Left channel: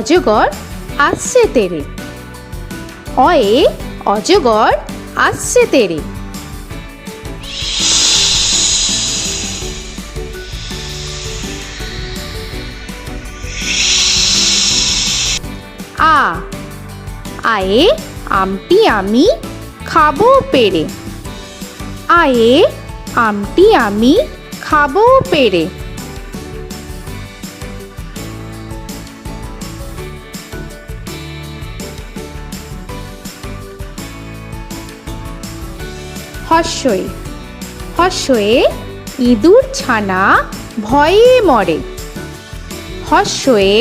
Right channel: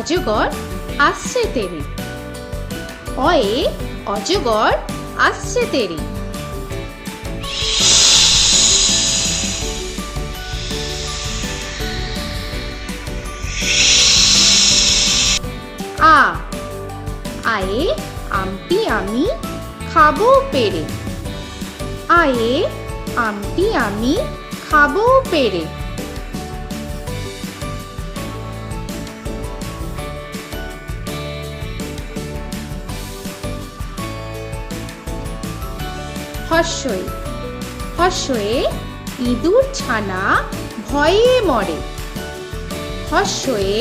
অজগর আসছে তেরে। অয়ে অজগর আসছে তেরে। আ আয়ে আমটি আমি খাবো পেরে। আয়ে আমটি আমি খাবো পেরে। হর্ষই হর্ষয়ে ইঁদুর ছানা ভয়ে মরে। হর্ষয়ে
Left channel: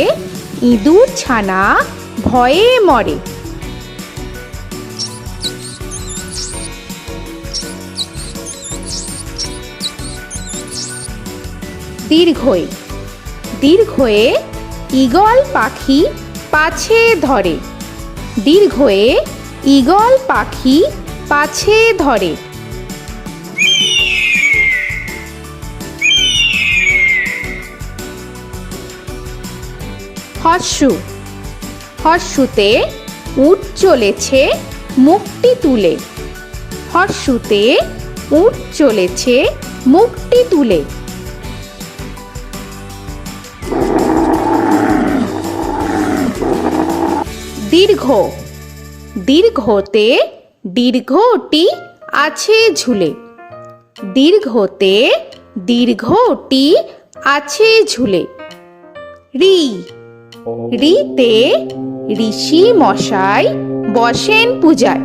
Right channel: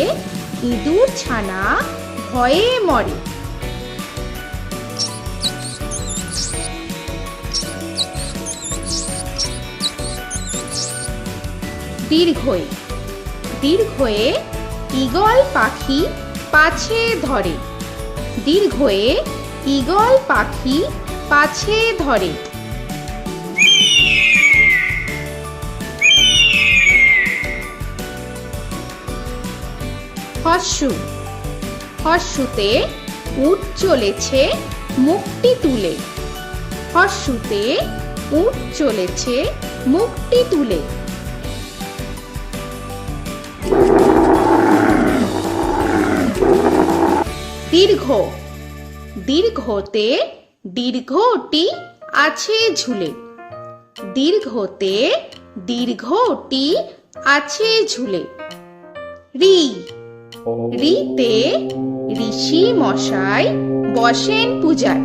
ইঁদুর ছানা ভয়ে মরে। দীর্ঘই দীর্ঘয়ে ঈগল পাখি পাছে ধরে। দীর্ঘয়ে ঈগল পাখি পাছে ধরে। হর্ষু হর্ষুতে উট চলেছে মুখটি তুলে। হর্ষুতে উট চলেছে মুখটি তুলে। দীর্ঘ দীর্ঘতে দীর্ঘটি আছে ঝুলে। দীর্ঘতে দীর্ঘটি আছে ঝুলে। রি রিতে ঋষি মশাই বসেন পূজায়।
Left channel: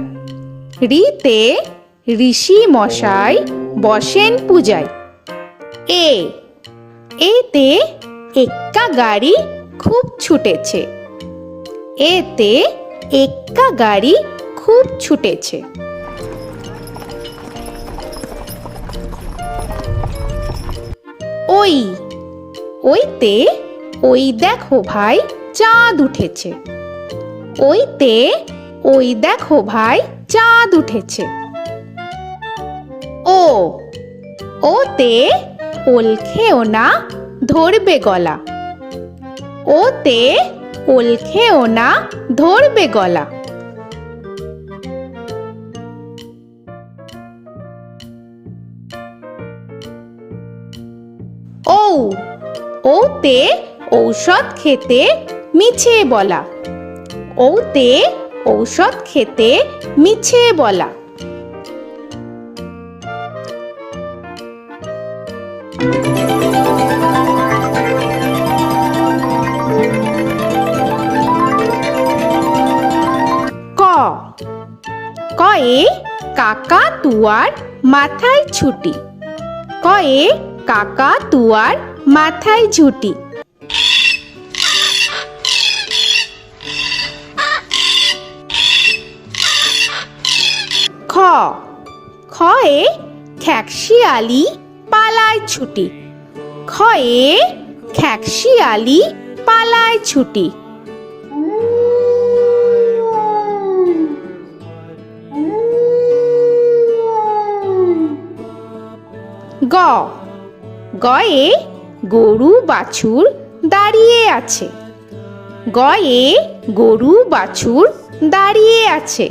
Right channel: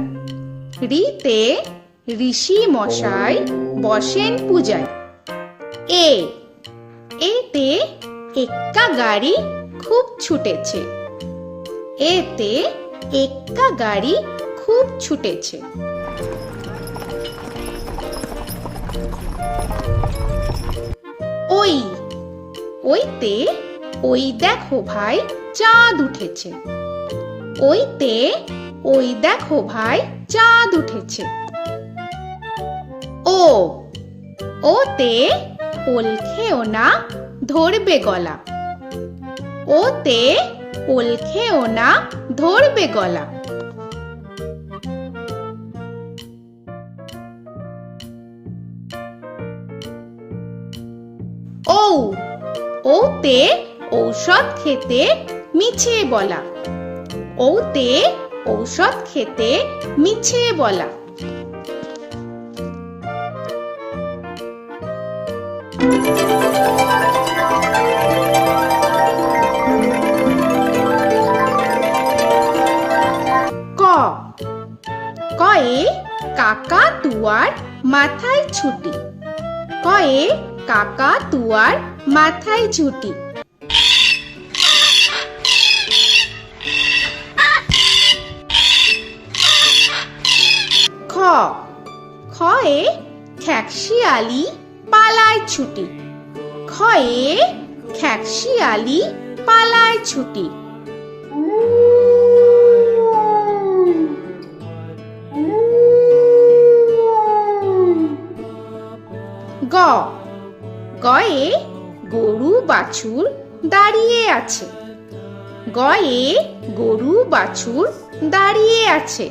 রিতে ঋষি মশাই বসেন পূজায়। এ এতে এক্কা গাড়ি খুব ছুটেছে। এতে এক্কা গাড়ি খুব ছুটেছে। ওই ওইতে ওই দেখো ভাই চাঁদ উঠেছে। ওইতে ওই দেখো ভাই চাঁদ উঠেছে। ও ওতে ওল খেও না ধরবে গলা। ওতে ওল খেও না ধরবে গলা। ঔ ওতে ঔষধ খেতে মিছে বলা। ওতে ঔষধ খেতে মিছে বলা। ক কয়ে কাকা তুয়ার মাথায় ছুটি। কয়ে কাকা তুয়ার মাথায় ঝুটি। খ খয়ে খ্যাকশিয়ালি পালায় ছুটি। খয়ে খ্যাকশিয়ালি পালায় ছুটি। গ গয়ে গরু বাছুর দাঁড়িয়ে আছে। গয়ে গরু বাছুর দাঁড়িয়ে আছে।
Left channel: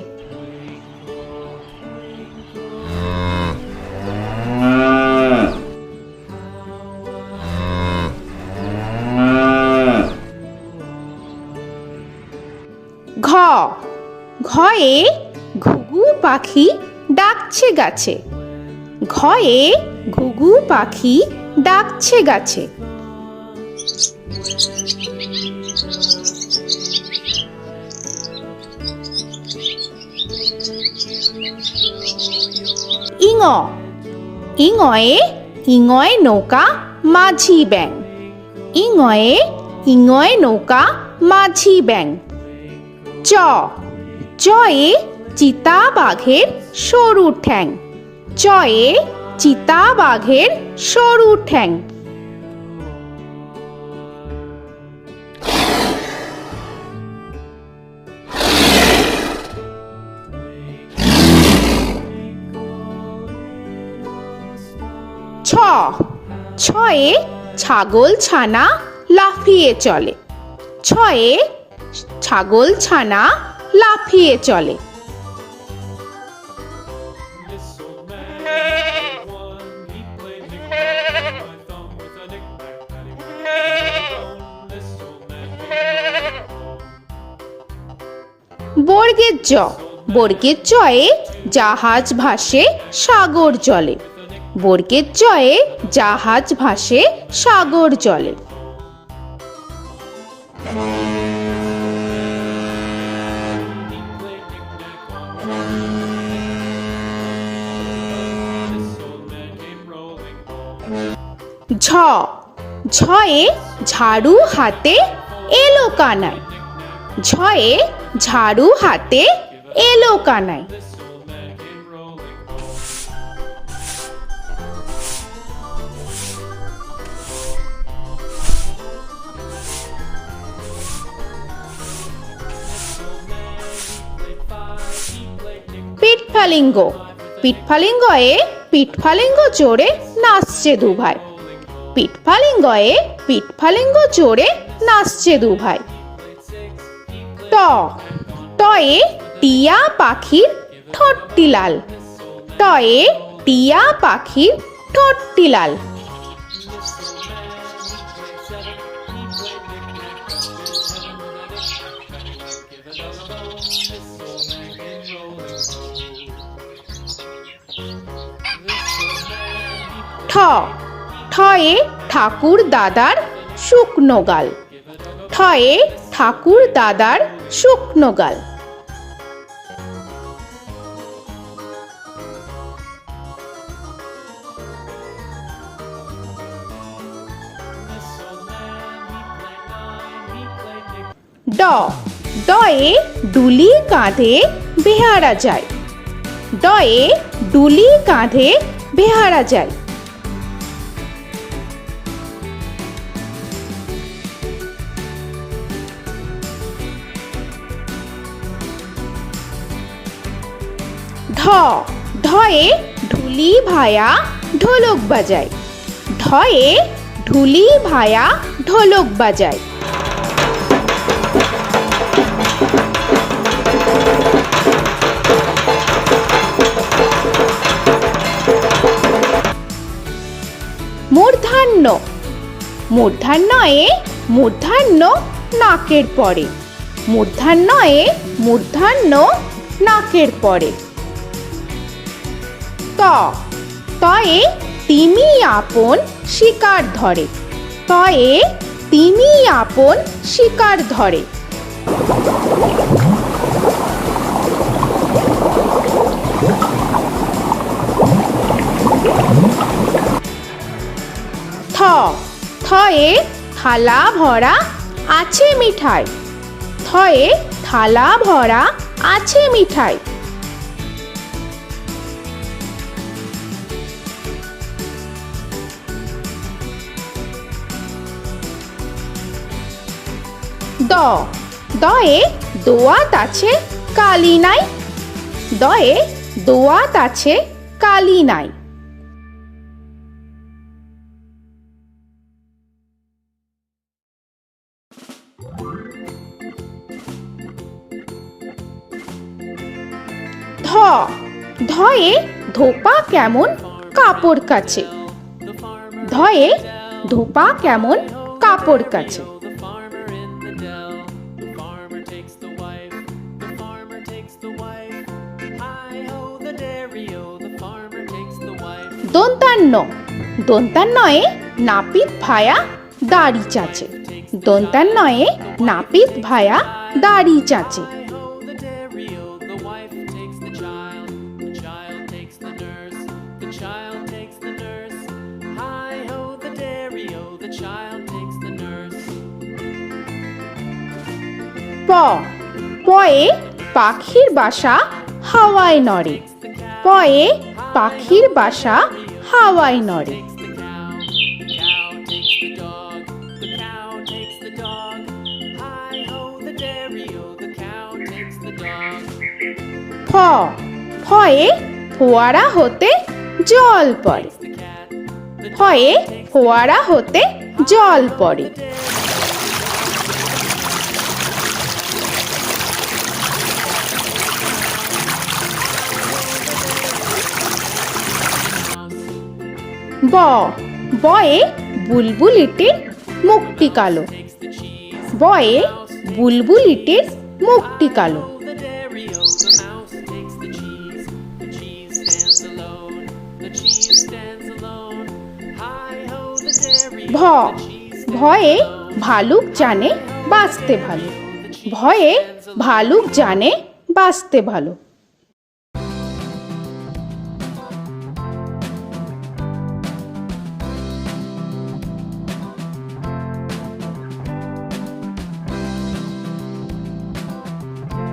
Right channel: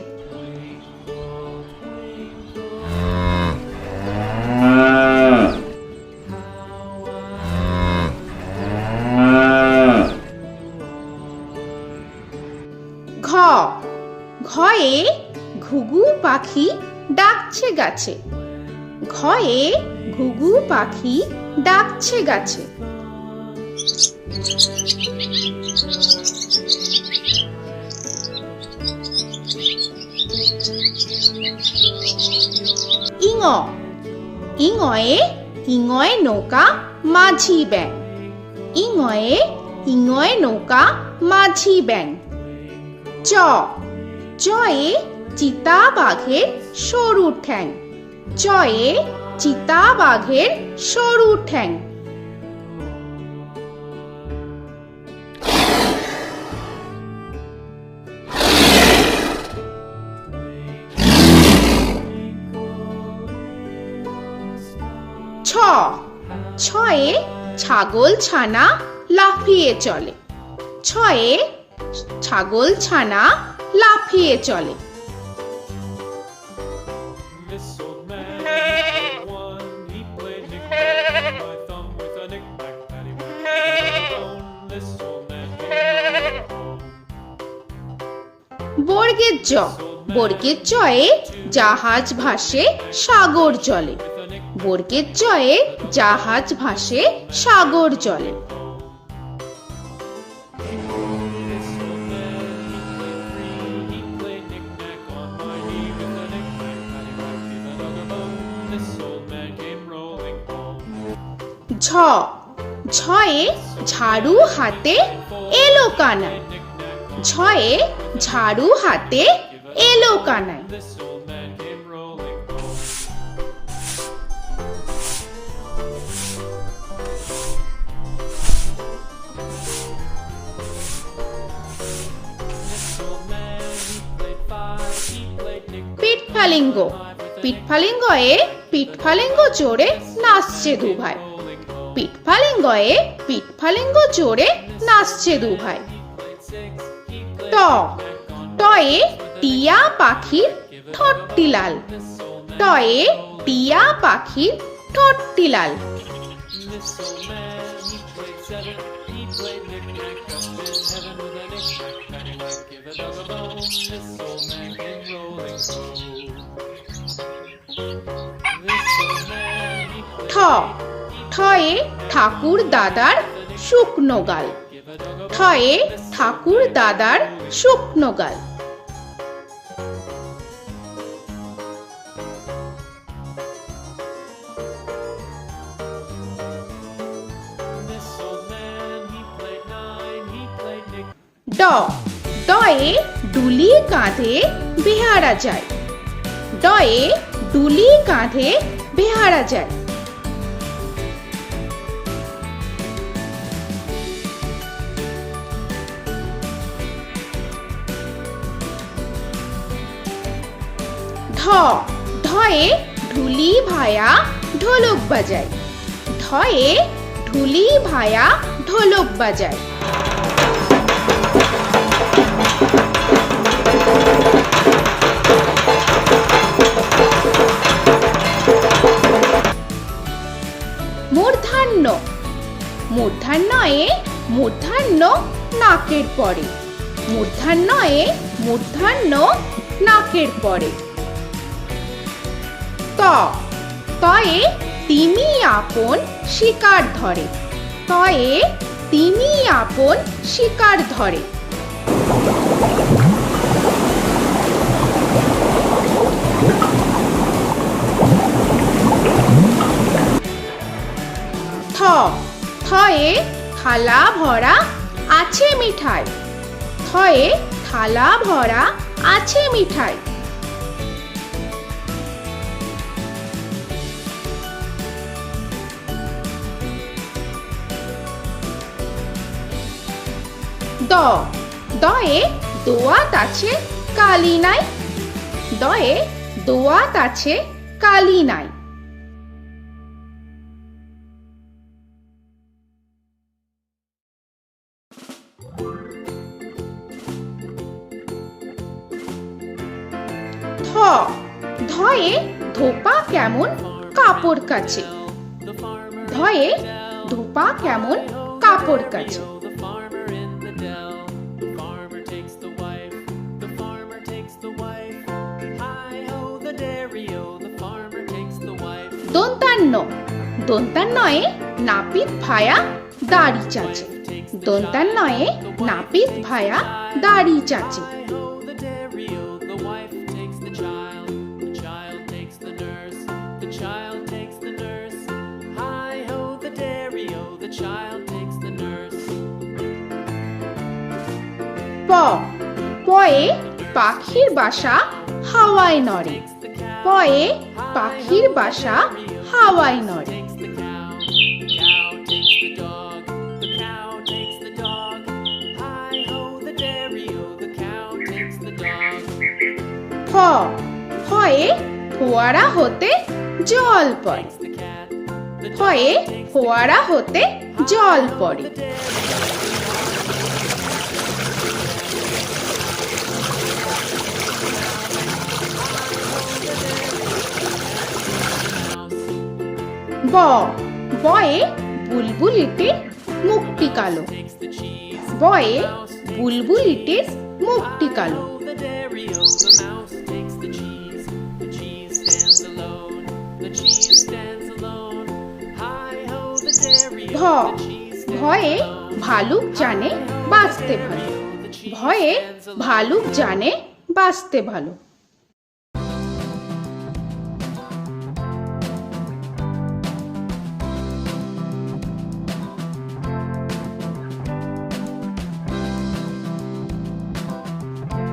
ঘ ঘয়ে ঘুঘু পাখি ডাকছে গাছে। ঘয়ে ঘুঘু পাখি ডাকছে গাছে। ইঙ ইঙয়ে ইঙয়ে নৌকা মাঝি ব্যাং। ইঙয়ে ইঙয়ে নৌকা মাঝি ব্যাং। চ চয়ে চিতা বাঘের সরু ঠ্যাং। চয়ে চিতা বাঘের সরু ঠ্যাং। ছ ছয়ে ছাগল ছানা লাফিয়ে চলে। ছয়ে ছাগল ছানা লাফিয়ে চলে। This old man had one. He played knick-knack on my thumb with a knick-knack, paddywhack, bone. This old man came home. বর্গের জ, বর্গের জয়ে জাহাজ ভাসে সাগর জলে। বর্গের জয়ে জাহাজ ভাসে সাগর জলে। He played knick-knack on my knee with a knick-knack, this old man came rolling home. ঝ, ঝয়ে ঝাড়ু হাতে এলো কানাই। ঝয়ে ঝাড়ু হাতে এলো Kanai. This old man came rolling home. This old man, he played five. He played knick-knack. পিঠফালিঙ্গ, পিঠফালিঙ্গয়ে পিঠফালিঙ্গ জোরে নাচছে দুভাই। পিঠফালিঙ্গয়ে পিঠফালিঙ্গ জোরে নাচছে দুভাই। ট, টয়ে টিয়া পাখির ঠোঁটটি লাল। টয়ে টিয়া পাখির ঠোঁটটি লাল। This old man, he played seven. He played knick-knack up in heaven with a knick-knack, paddywhack, give a dog a bone. This old man came rolling home. This old man, he ঠ, ঠয়ে ঠাকুর দাদার শুকনো গাল। ঠয়ে ঠাকুর দাদার শুকনো গাল। This old man, he played nine. He played knick. ড, ডয়ে ডুলি কাঁধে বেহারা যায়। ডয়ে ডুলি কাঁধে বেহারা যায়। ঢ, ঢয়ে ঢুলি ভায়া ঢোলক বাজায়। ঢয়ে ঢুলি ভায়া ঢোলক বাজায়। মূর্ধন্য, মূর্ধন্যয়ে মূর্ধন্য নাকের পরে। মূর্ধন্যয়ে মূর্ধন্য নাকের পরে। ত, তয়ে তিনি আপন শিকার ধরে। তয়ে তিনি আপন শিকার ধরে। থ, থয়ে থালা ভরা আছে মিঠাই। থয়ে থালা ভরা আছে মিঠাই। দ, দয়ে দোয়াত আছে কালি নাই। দয়ে দোয়াত আছে কালি নাই। ধ, ধয়ে ধোপা কেমন কাপড় কাচে। ধয়ে ধোপা কেমন কাপড় কাচে। The farmer in the dell. The farmer takes the wife. The farmer takes the wife. Hi ho, the dairy-o. The farmer takes the wife. দন্তান্ন, দন্তান্নয়ে নাপিত ভায়া দাড়ি চাচে। দন্তান্নয়ে নাপিত ভায়া দাড়ি চাচে। Hi ho, the dairy-o. The wife takes the child. The child takes the nurse. The child takes the nurse. Hi ho, the dairy-o. The child takes the nurse. প, পয়ে পাখির বাসা হাওয়ায় নড়ে। পয়ে পাখির বাসা হাওয়ায় নড়ে। Takes the cow. The cow takes the dog. The cow takes the dog. Hi ho, the dairy-o. The cow takes the dog. ফ, ফয়ে ফোয়ারা হতে জল পড়ে। The cat. The ফয়ে ফোয়ারা হতে জল পড়ে। dairy-o. The dog. ব বয়ে বুলবুলিটির মুখটি কালো Takes the cheese. বয়ে বুলবুলিটির মুখটি কালো Hi-ho, the dairy-o, the mouse takes the cheese. The cheese stands alone. The cheese stands alone. Hi-ho, the dairy-o, ভ the cheese stands ভয়ে alone. ভালুক জানে বাঁচতে ভালো ভয়ে ভালুক জানে বাঁচতে ভালো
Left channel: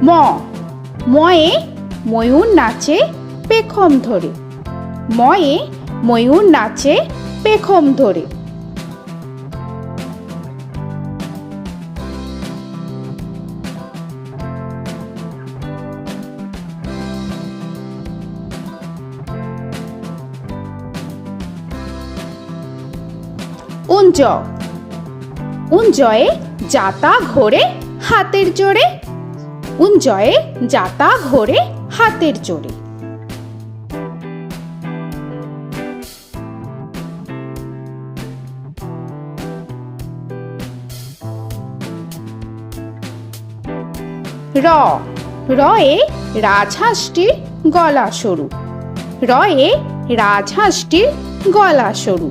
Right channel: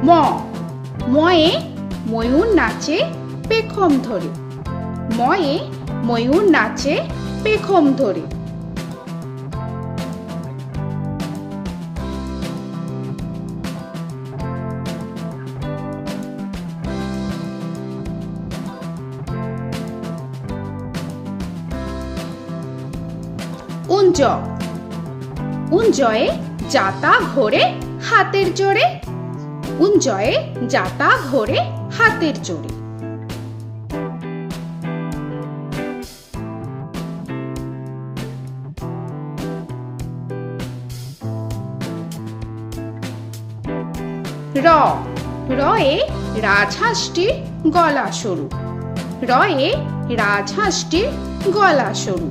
ম ময়ে ময়ূর নাচে পেখম ধরে ময়ে ময়ূর নাচে পেখম ধরে উঞ্জ উঞ্জয়ে যাতা ঘোরে হাতের জোরে উঞ্জয়ে যাতা ঘোরে হাতের জোরে র রয়ে রাজহাঁসটির গলা সরু রয়ে রাজহাঁসটির গলা সরু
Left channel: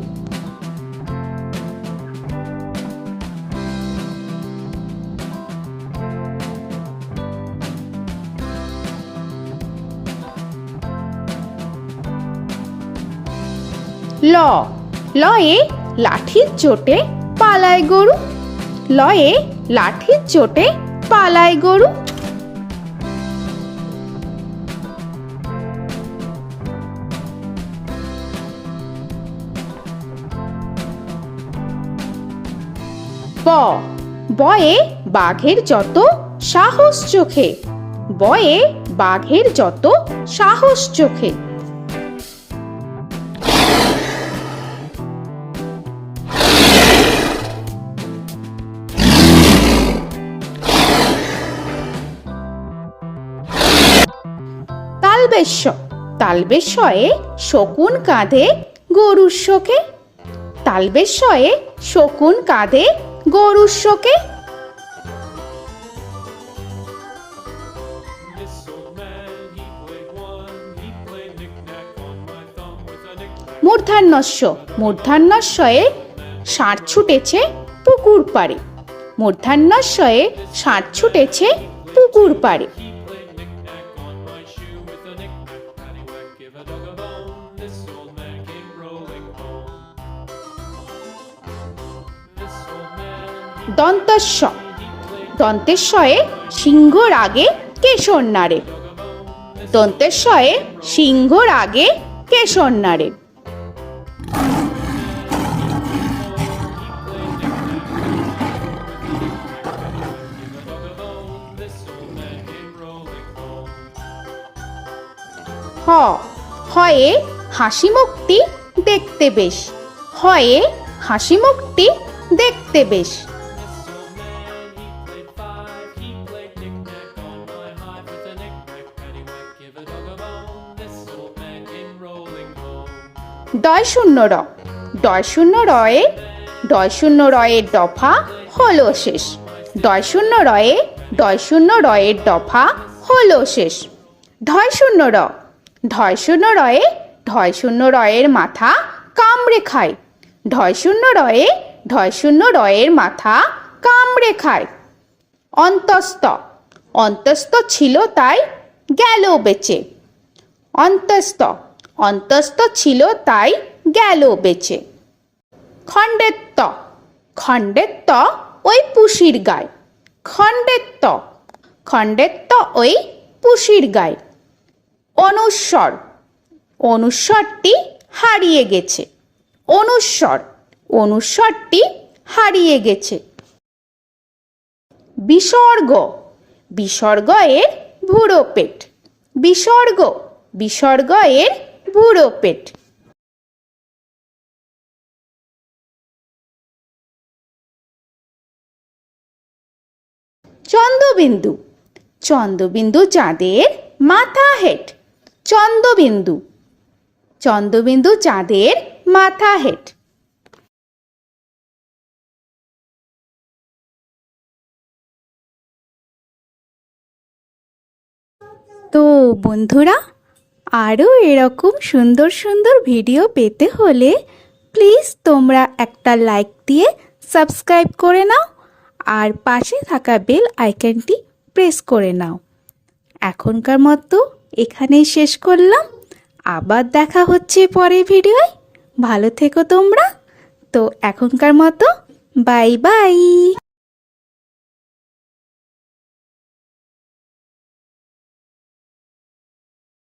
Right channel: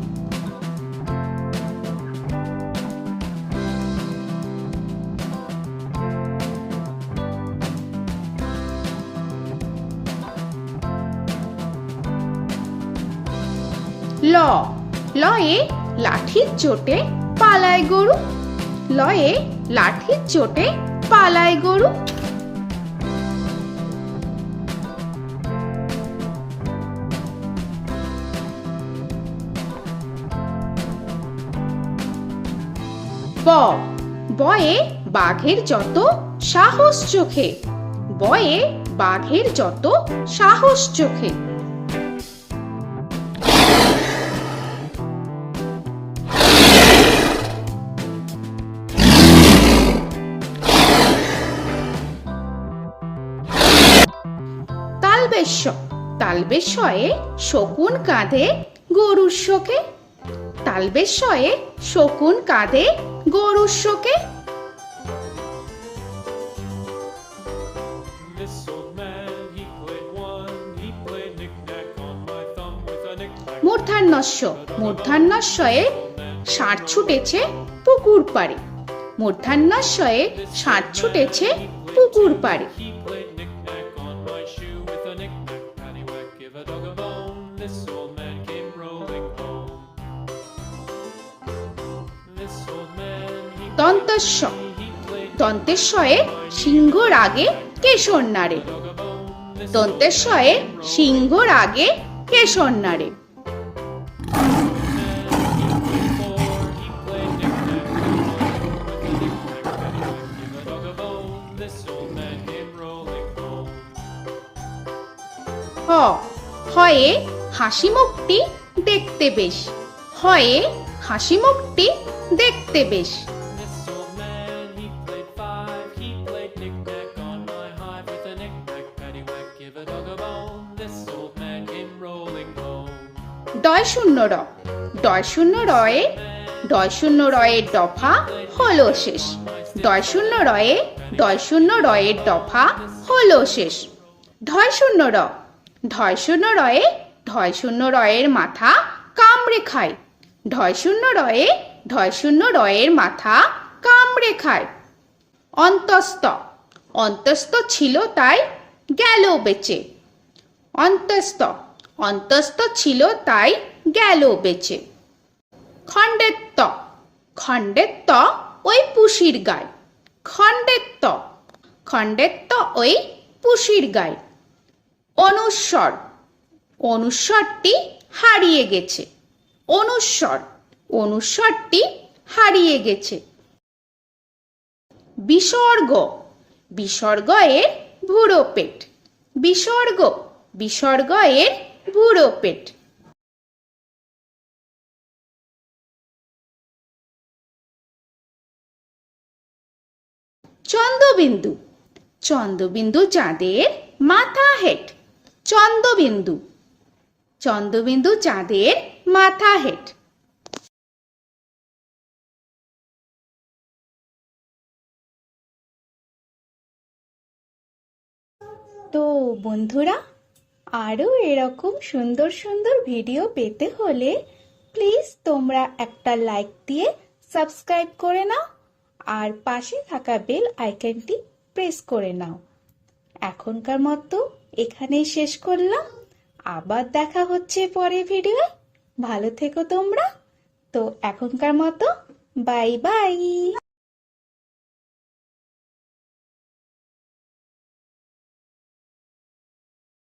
ল লয়ে লাঠির চোটে পালায় গরু লয়ে লাঠির চোটে পালায় গরু ব বয়ে বাঘের যত সাহস চোখে বয়ে বাঘের যত সাহস চোখে তালবেশ্য তালবেশ্যয়ে শকুন কাঁধে গরুর শোকে তালবেশ্যয়ে শকুন কাঁধে গরুর শোকে This old man, he played one. He played knick-knack on my thumb with a knick-knack. মূর্ধন্যস্য মূর্ধন্যস্বয়ে ষাঁড় ছুটেছে পুকুর পাড়ে মূর্ধন্যস্বয়ে ষাঁড় ছুটেছে পুকুর পাড়ে He played knick-knack on my shoe with a knick-knack, paddywhack, give a dog a bone. This old man came rolling home. This old man, he দন্তস্ব played দন্তেশ্বয়ে সিংহর আগে কেশর নাড়ে dog a bone. This দন্তেশ্বয়ে সিংহর আগে কেশর নাড়ে he played knick-knack with a knick-knack, paddywhack, give a dog a bone. This old man came rolling home. হ হয়ে হাসি মুখটি দেখতে বেশ হয়ে হাসি মুখটি দেখতে বেশ This old man, he played five. He played knick-knack on my hive with a knick-knack, paddywhack, give a dog a bone. This old man came rolling home. ডয় শূন্য র ডয় শূন্য রয়ে ডয় শূন্য রয়ের দফা হলো শেষ ডয় শূন্য রয়ে ডয় শূন্য রয়ের দফা হলো শেষ ঢয় শূন্য র ঢয় শূন্য রয়ে ঢয় শূন্য রয়ের মাথা কামড়ে খায় ঢয় শূন্য রয়ে ঢয় শূন্য রয়ের মাথা কামড়ে খায় অন্তস্থ অন্তস্থ ছিল তাই গেল বেঁচে অন্তস্থ অন্তস্থ ছিল তাই গেল বেঁচে খণ্ডেত্ব খণ্ডেত্ব ওই পুষির গায় খণ্ডেত্ব খণ্ডেত্ব ওই পুষির গায় অনুস্বর অনুস্বরটি হারিয়ে গেছে অনুস্বর অনুস্বরটি হারিয়ে গেছে বিসর্গ বিসর্গ এর ভুরো পেট বিসর্গ বিসর্গ এর ভুরো পেট চন্দ্রবিন্দু চন্দ্রবিন্দু চাঁদের মাথা হেট চন্দ্রবিন্দু চন্দ্রবিন্দু চাঁদের মাথা হেড। তো বন্ধুরা, আরও এরকম সুন্দর সুন্দর ভিডিও পেতে হলে প্লিজ তোমরা একটা লাইক দিয়ে সাবস্ক্রাইব করে নাও আর পাশে থাকা বেল আইকনটি প্রেস করে নাও। এখনকার মতো এখানেই শেষ করলাম, আবার দেখা হচ্ছে পরের ভিডিওয়। ভালো থেকো তোমরা। তো এখনকার মতো বাই বাই।